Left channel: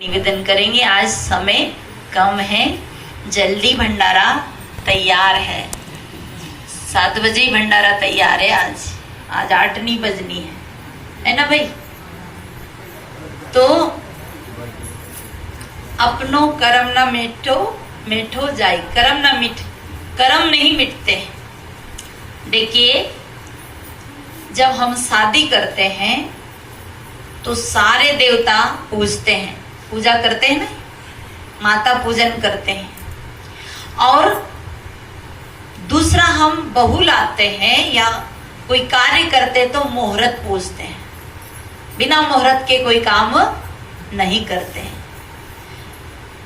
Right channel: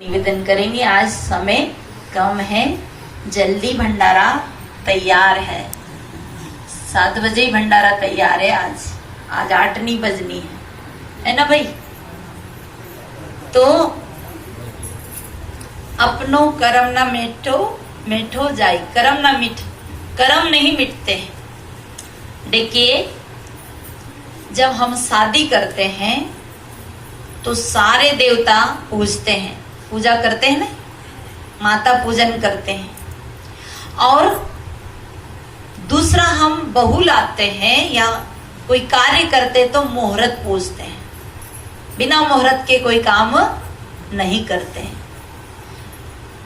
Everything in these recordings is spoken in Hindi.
निवेदन करेंगे। आज समय कम है, जल्दी भंडारा तैयार है। 7 बजे ही भंडारा तैयार है। आज 8 नहीं बजनी है ना भाई। तो अपनो कर्म न मेठो मेठो जाय, कर्म न मिट, कर्म नहीं मिटते। देखिए, जब हम शादी करते हैं तो सारे देवता पूजते हैं, पूजा करते हैं ना, माता पूजन करते हैं। और दूसरा, हम बहू लाते हैं या कोई कार्य करते तो मुहूर्त पूजते हैं। बिना मुहूर्त के कोई काम नहीं करते हैं।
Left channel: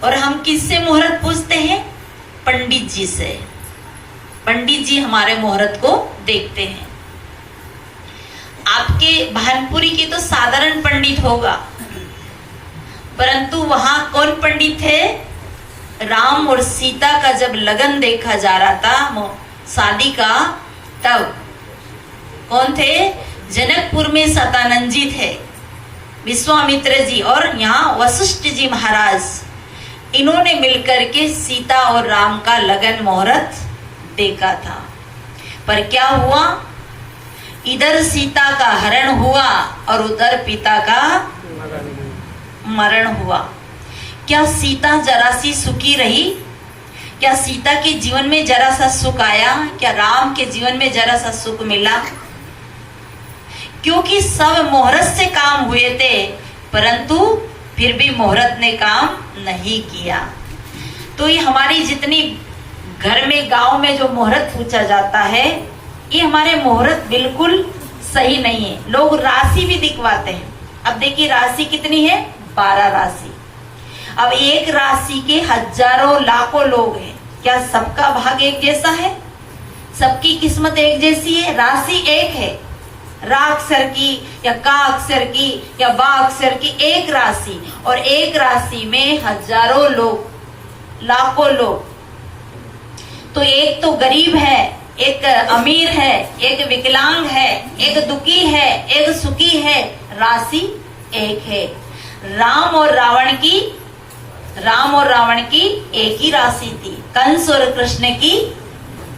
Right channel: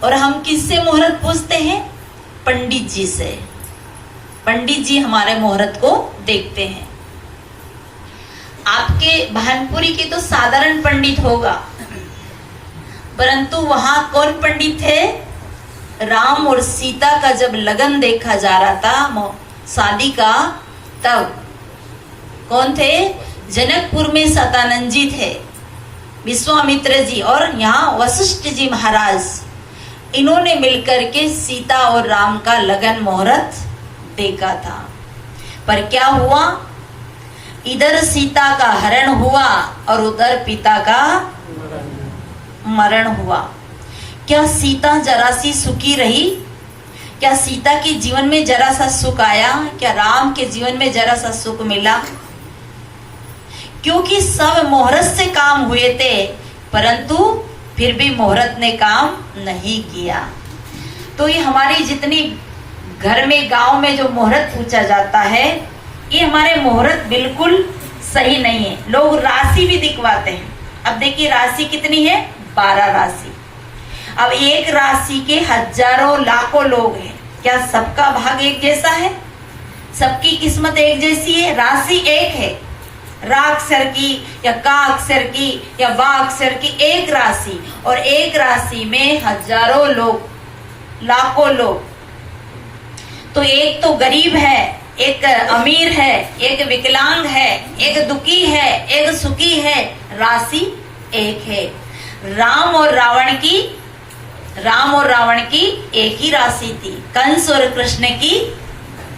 और हम किससे मुहूर्त पूजते हैं? पंडित जी से। पंडित जी हमारे मुहूर्त को देखते हैं। आपके भानपुरी के तो साधारण पंडित होगा, परंतु वहां कौन पंडित थे? राम और सीता का जब लगन देखा जा रहा था शादी का, तब कौन थे? जनकपुर में सतानंद जी थे, विश्वामित्र जी और यहाँ वशिष्ठ जी महाराज। इन्होंने मिलकर के सीता और राम का लगन मुहूर्त देखा था। पर क्या हुआ? इधर सीता का हरण हुआ और उधर पिता का मरण हुआ। क्या सीता जरा सी सुखी रही? क्या सीता के जीवन में जरा सा सुख आया? क्या राम के जीवन में जरा सा सुख मिला? क्योंकि सब मुहूर्त से काम हुए थे, परंतु फिर भी मुहूर्त ने काम नहीं किया। तो ये हमारी जितनी घर में, गांव में जो मुहूर्त पूछा जाता है, ये हमारे मुहूर्त बिल्कुल सही नहीं है। लोग राशि भी दिखवाते हैं। अब देखिए, राशि कितनी है? 12 राशि। अब एक राशि के हजारों लाखों लोग हैं। क्या सबका भाग एक जैसा है? सबकी किस्मत एक जैसी है? राशि एक है। रा अक्षर की या का अक्षर की या वा अक्षर की एक राशि, और एक राशि में हजारों लोग, लाखों लोग। तो एक तो गरीब है, एक अमीर है, एक विकलांग है, एक दुखी है, एक सुखी है। राशि एक है। राम और रावण की एक ही राशि थी। कंस और कृष्ण की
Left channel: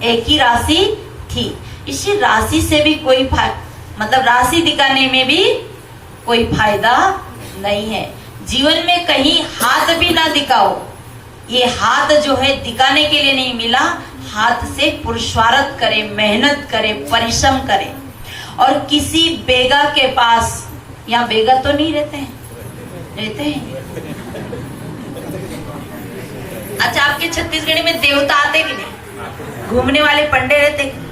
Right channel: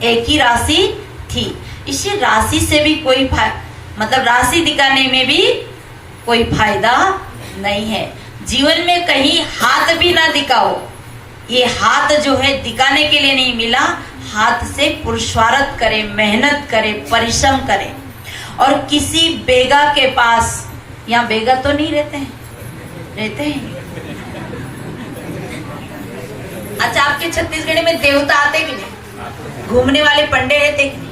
एक ही राशि थी। इसी राशि से भी कोई मतलब राशि दिखाने में भी कोई फायदा नहीं है। जीवन में कहीं हाथ भी ना दिखाओ। ये हाथ जो है दिखाने के लिए नहीं मिला। हाथ से पुरुषार्थ करें, मेहनत करें, परिश्रम करें। और किसी बेगा के पास, यहाँ बेगा तो नहीं रहते हैं? रहते हैं। अच्छा, आपके छत्तीसगढ़ में देवता आते कि नहीं? घूमने वाले पंडे रहते कि नहीं?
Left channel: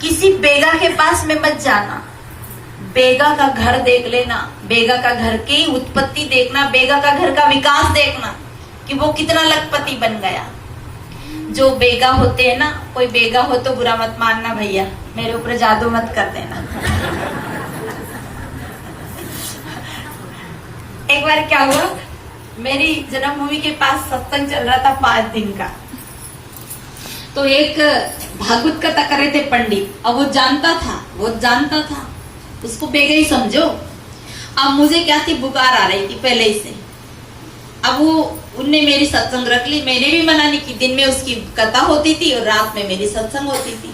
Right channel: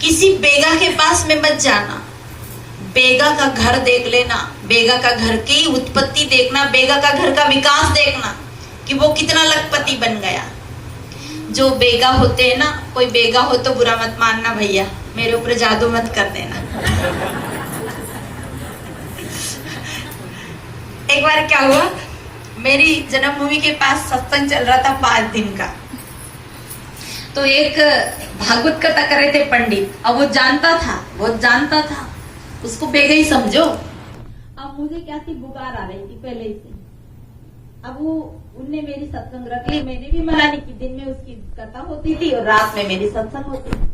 किसी बेगा के पास में मत जाना। बेगा का घर देख लेना, बेगा का घर की उत्पत्ति देखना, बेगा का घर का विकास देखना कि वो कितना लखपति बन गया। जो बेगा होते हैं ना, कोई बेगा हो तो बुरा मत मानना भैया, मेरे ऊपर जादू मत कर देना। एक बार क्या हुआ, मेरी जन्मभूमि के पास सत्संग चल रहा था 5 दिन का। तो एक भागवत कथा कर रहे थे पंडित। अब वो जानता था, उसको बेगा ही समझो। अब मुझे क्या थी, बुखार आ रही थी पहले ही से। अब उनने मेरी सत्संग रख ली। मैंने भी मना नहीं की। दिन में उसकी कथा होती थी और रात में मेरी सत्संग होती थी।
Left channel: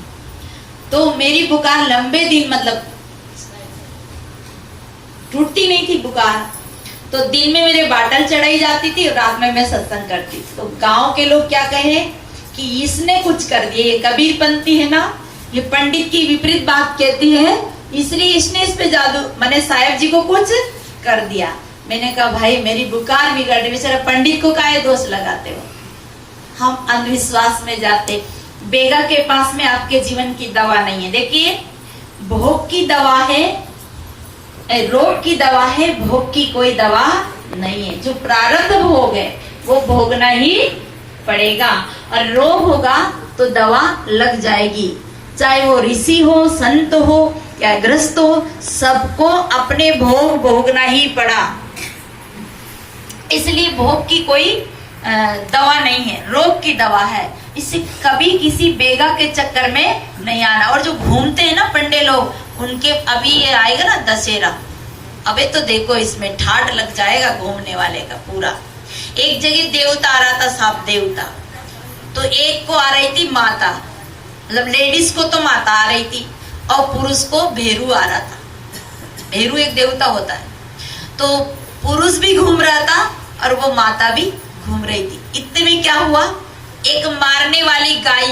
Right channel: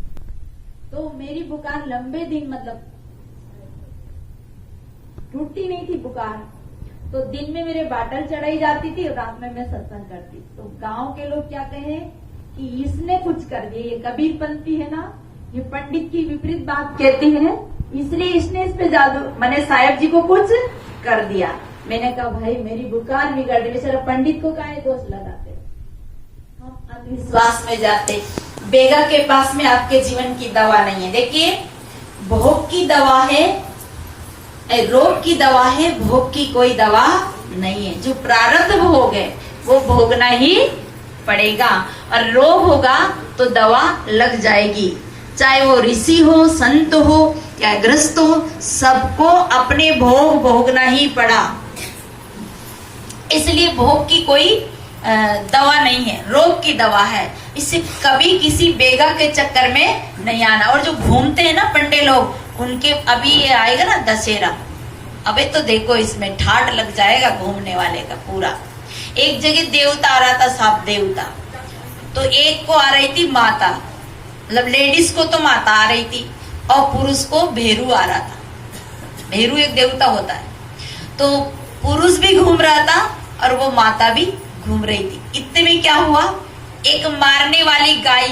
तो मेरी बुखार लंबे दिन, मतलब टूटती नहीं थी बुखार। तो दिन में मेरे बाटल चढ़ाई जाती थी और रात में मैं सत्संग करती थी। तो गांव के लोग क्या कहे कि इसने कुछ कर दिया। ये कबीर पंथी है ना, ये पंडित की विपरीत बात कहती है, इसलिए इसने इस पे जादू, मैंने साहेब जी को कुछ कर दिया। मैंने कहा, भाई मेरी बुखार बिगड़ रही, बेचारा पंडित को काहे दोष लगाते हो? हम अंधविश्वास में जाते। बेगा के पास में आपके जीवन की दवा नहीं है। देखिए, भोग की दवा है, रोग की दवा है, भोग की कोई दवा नहीं है। जो प्रारब्ध भोग है वो भोगना ही पड़ेगा। और रोग होगा तो दवा लग जाएगी। चाहे वो ऋषि हो, संत हो या ग्रस्त हो, सबको अपने भोग भोगना ही पड़ा। इसलिए भोग की कोई दवा नहीं है, रोग की दवा है। इससे कभी किसी बेगा के चक्कर में नहीं आना। और जो घूमते हैं ना पंडे लोग, उनके अभी ये आएगा ना दशहरा, अबे तो देखो इसमें ठाट लग जाएगा घूमने वाले का पूरा। एक जगह देवता आ रहा था, साफ देवता। तो एक को आ रही थी माता, मतलब लेडीज को तो माता आ रही थी और पुरुष को भेरू आ रहा था। भेरू एक देवता होता है। तो पुरुष भी घूम रहा था और वो माता भी घूम रही थी। इतने में क्या हुआ, एक मारने वाली गाय,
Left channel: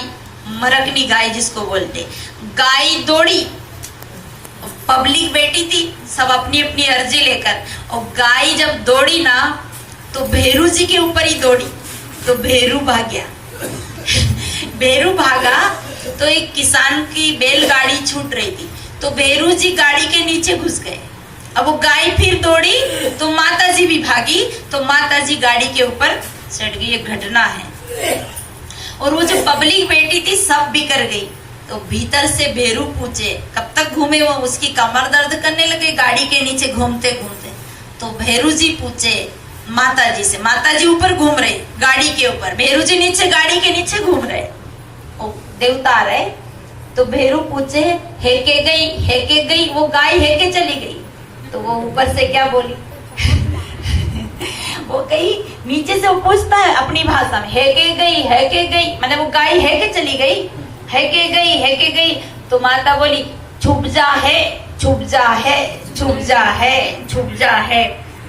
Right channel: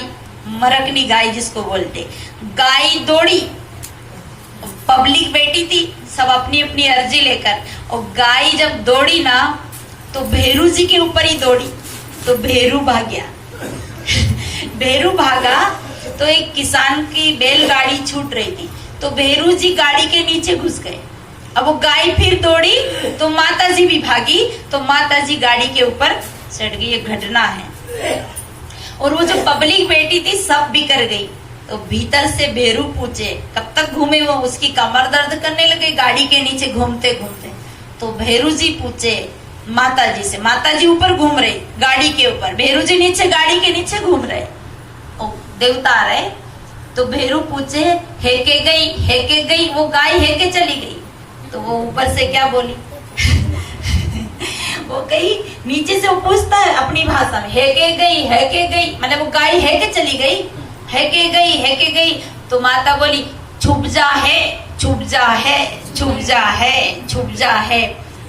मरकनी गाय जिसको बोलते, गाय दौड़ी। पब्लिक बैठी थी सब अपनी अपनी अर्जी लेकर, और गाय जब दौड़ी ना तो भेरू जी के ऊपर ही दौड़ी, तो भेरू भाग गया। भेरू भागा तो एक किसान की बैलगाड़ी छूट रही थी, तो भेरू जी गाड़ी के नीचे घुस गए। अब वो गाय फिर दौड़ी तो माता जी भी भागी, तो माता जी गाड़ी के ऊपर चढ़ गई। ये घटना है। और वो जो पब्लिक बैठी थी सब बिखर गई। तो भीतर से भेरू पूछे, कब तक घूमे वो, उसकी कमर दर्द करने लगे गाड़ी के नीचे घूमते घूमते। तो भेरू जी पूछे माता जी से, माता जी ऊपर घूम रही गाड़ी के ऊपर, भेरू जी नीचे गाड़ी के नीचे घूम रहे। देवता आ रहे। तो भेरू पूछे, हेके गई वो गाय हेके चली गई। तो वो ऊपर से क्या बोली वो कहीं नीचे से वो पूछता है अपनी भाषा में, हेके गई, मतलब वो गाय हेके चली गई, हेके गई। तो माता बोली, छुप जा है,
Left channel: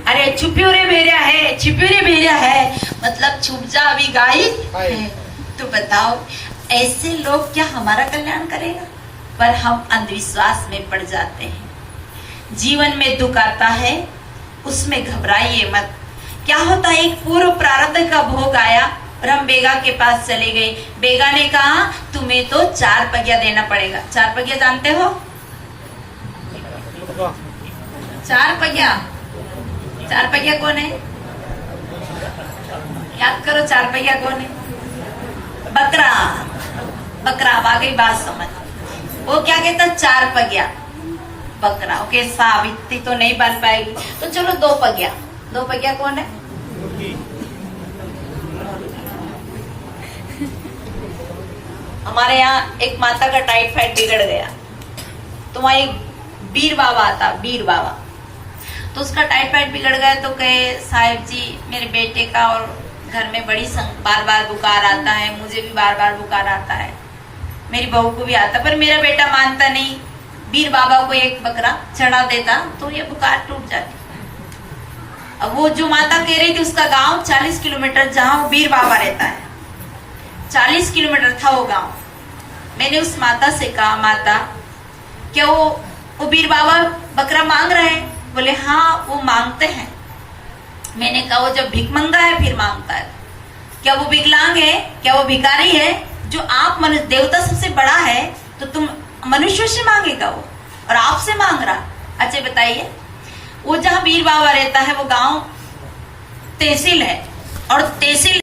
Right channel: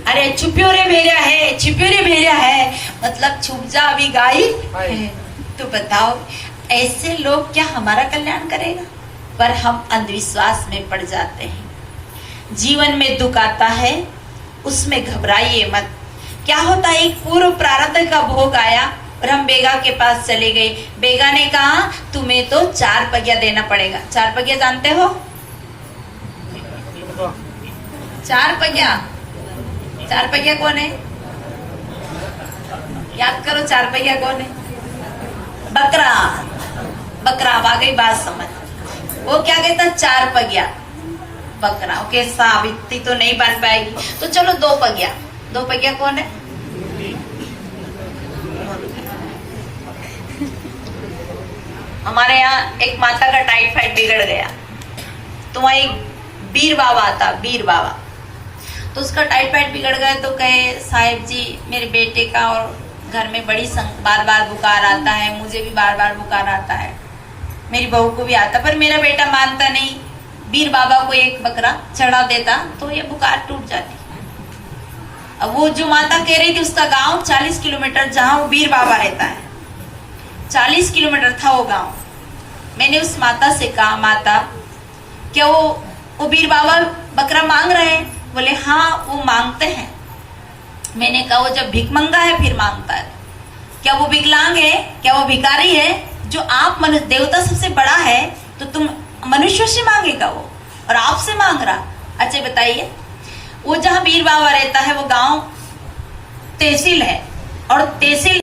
अरे छुपियो रे भेजा है, मतलब छुप जा अभी गाय है। तो बताओ ऐसे लोग क्या हमारा कल्याण करेगा? पर हम अंधविश्वास में पड़ जाते हैं। जीवन में दुख आता है, उसमें घबराइए मत। क्या होता है, एक पूर्व प्रारब्ध का भोग आया और हम बेगा के पास चले गए। बेगा ने कहा तुम्हें तो 4 पहिया देना पड़ेगा। 4 पहिया जानते हो? 4 पहिया कौन है? याद करो, 4 पहिया कौन है? बकरा। आ गई बात समझ। वो क्या कहता, 4 पहिया बकरा। ओके, सावित्री तो नहीं बन पाएगी, तो चलो 2 पहिया। 2 पहिया कौन है? हमारे यहाँ एक माता का टाइफाइड बिगड़ गया, तो वहाँ एक बीर बाबा आता, बीर बाबा। तो उसका टाइफाइड बिगड़ गया, तो कहे साहिब जी मेरे बेटे का और घर में बार बार बुखार आता है, मुझे भी बार बार बुखार आता है, मेरी बहू को भी आता, पर मेरा बेटा मानता नहीं। बीर बाबा को एक बकरा चढ़ा देता तो ये बुखार टूट जाती। अब वो जो माता कह रही थी, उसका गांव 40 किलोमीटर, जहां वो बीर बाबा रहता है, 40 किलोमीटर था वो गांव। मैंने उस माता से कहा, माता क्या वो बीर बाबा बकरा मांग रहे हैं? बोले हाँ वो मांगते हैं। मैंने कहा वो जब भिख मंगा है फिर मांगता है, क्या वो विकलांग है? क्या वो भिखारी है? जो आप देवता सबसे बड़ा है तो तुम मनुष्य से मांगेगा वो, और आपसे मांग रहा? अच्छा बताइए, वो जहाँ बीर बाबा रहता है वो गांव तहसील है, और तहसील